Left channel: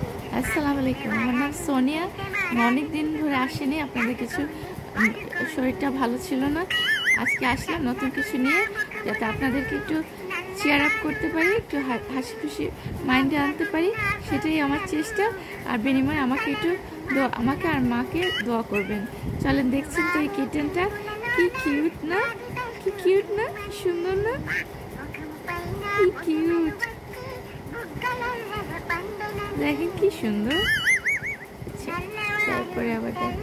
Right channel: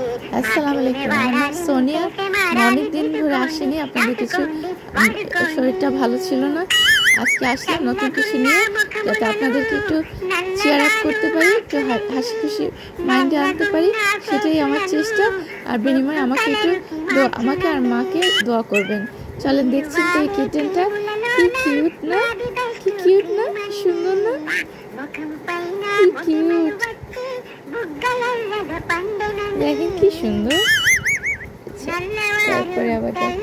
আসসালামু আলাইকুম। আমার নাম সোনিয়া। অনেক দিন ধরে আসিনি, আপনাদের কিছু শরীরটা ভালো ছিল না। আজকে আসলাম নতুন কিছু নিয়ে, যাতে আপনাদেরকে একটু চেয়ার আপ করতে পারি, একটু হাসি খুশি মাইন্ডে আনতে পারি, সেটাই আমার চেষ্টা। আর বিনিময়ে আমাকে একটু আমাকে আর মাকে দোয়া করবেন। চলেন, দেখছেন তো এই কিটেনটা কি কিউট না, কি কিউট না, কি সুন্দর না, কি কিউট, দেখেন কি সুন্দর। তারপরে আবার দেখেন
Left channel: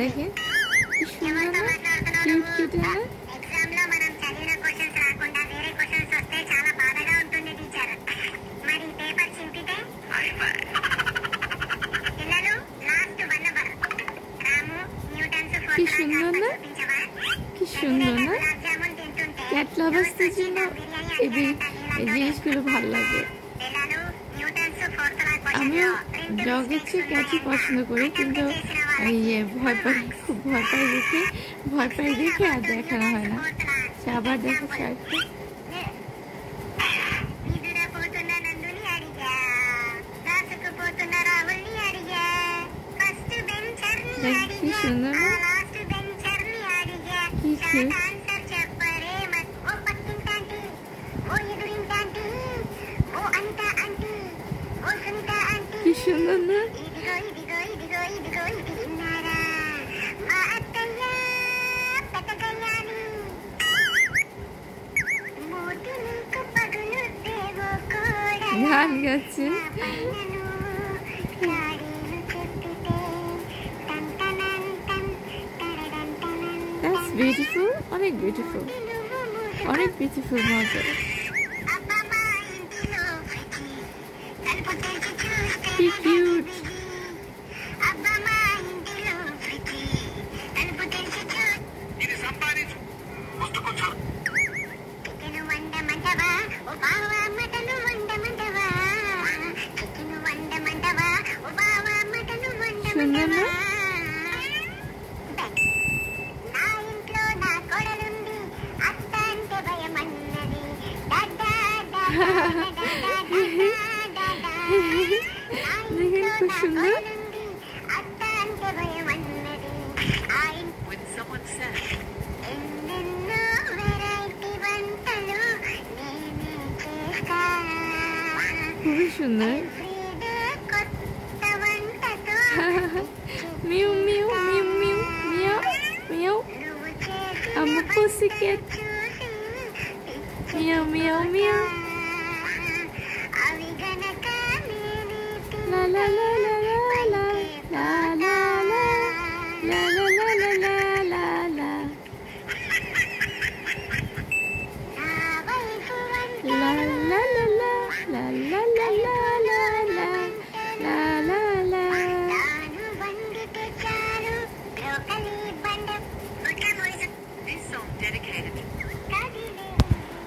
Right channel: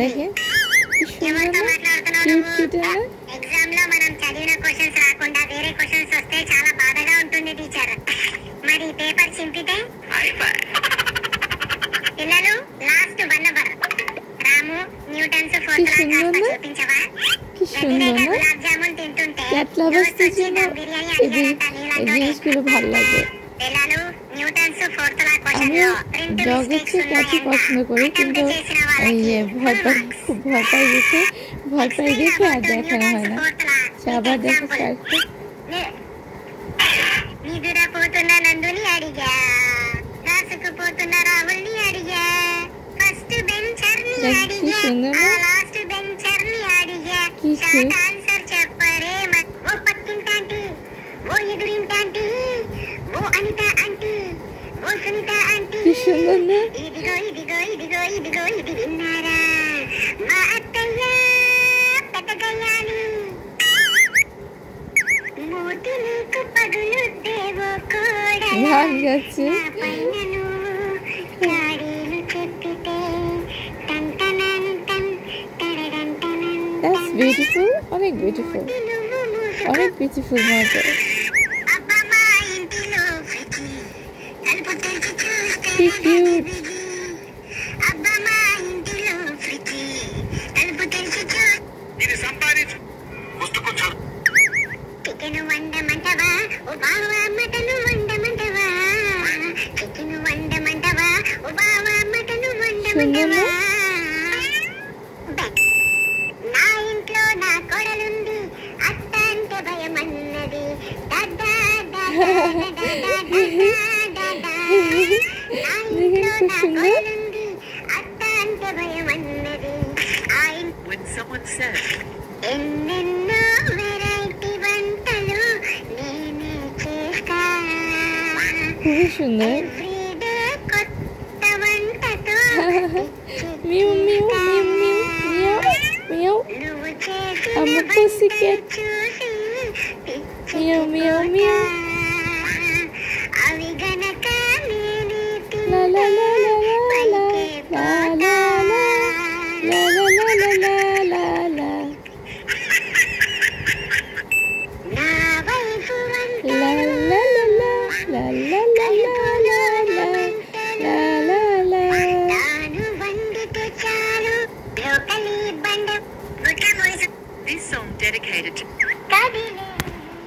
দেখেন কি সুন্দর না, কিউট কিউট না। ఎగ్జామ్ లో మనం చదివిన క్వశ్చన్స్ రాకుండా వేరే క్వశ్చన్స్ వస్తే చాలా బాధగా ఉంటుంది టీచర్. మరి పేపర్ చింపితే పిల్లలు లాస్ట్ 1 అవర్ రాము న్యూటన్స్ ఫోర్స్ లా చూపించవా? কি সুন্দর না, గులాబ్ జామున్ తింటుంటే ক্যাটলা বসতে জন্য এই জিনিসগুলো ভালো লাগে। పిల్లలు న్యూటన్స్ ఫోర్స్ లా আমিও ডগের চেয়ে ক্যাটই পছন্দ করি, কিন্তু এই খুব ভয় পাই দেখে আর দেখানো হয় না। সে আবার দেখাচ্ছে আরেকটু। నిద్రపోతున్న నందుని అడిగా, రాసుకుపోతున్న రాహుల్ని అడిగా, ఫస్ట్ బెంచర్ని అడిగా, లాస్ట్ బెంచర్ని అడిగా, షార్ట్ ఆన్సర్ చెప్పరే. ఓ పక్కింటాంటి, ఓ ఎదురింటాంటి, ఓ అనిత ఆంటీ, ఓ సునీత ఆంటీ, সুন্দর না, ఇదిగో ఇదిగో ఇదిగో ఇదిగో ఇది విన్నారా? మా అత్తయ్య పెద్దగయ్యాలి, మూతి నీకు పగులుద్దేవో కూడా, গান গাচ্ছে। పైనను కాడీలు చెప్పితే టంటనంటన్ టడడంటనన్ দ্যাটস বিউটিফুল, অনেক বিউটিফুল, অনেক বিউটিফুল মজা। అబ్బా మా ఇంటిలో ఫ్రిడ్జి తలుపు తెరిచి చూస్తే কি কিউট, అబ్బా మా ఇంటిలో ఫ్రిడ్జి తలుపు తెరిచి ఇది సంపాదించు పుస్తకొచ్చు చికెన్ వండమంటవా? ఓ బావా మటను వండమంటవా? చికెన్ వండమంటవా? ఓ బావా మటను వండమంటవా? నా ఇంట్లో నా కొడలుంది, అత్త అంటే భయమన్నది, দেখেন খুব সুন্দর। అత్త అంటే భయమన్నది, When someone says, ఎన్నెన్నో వెరైటీ వంటలు నేనే చేస్తా, খুবই সুন্দর। ఎవ్రీడే కొత్త వంటతో মিউ মিউ মিউ মিউ মিউ মিউ, నువ్వు చేసిన I'm a pussycat. చూసి মিউ মিউ মিউ।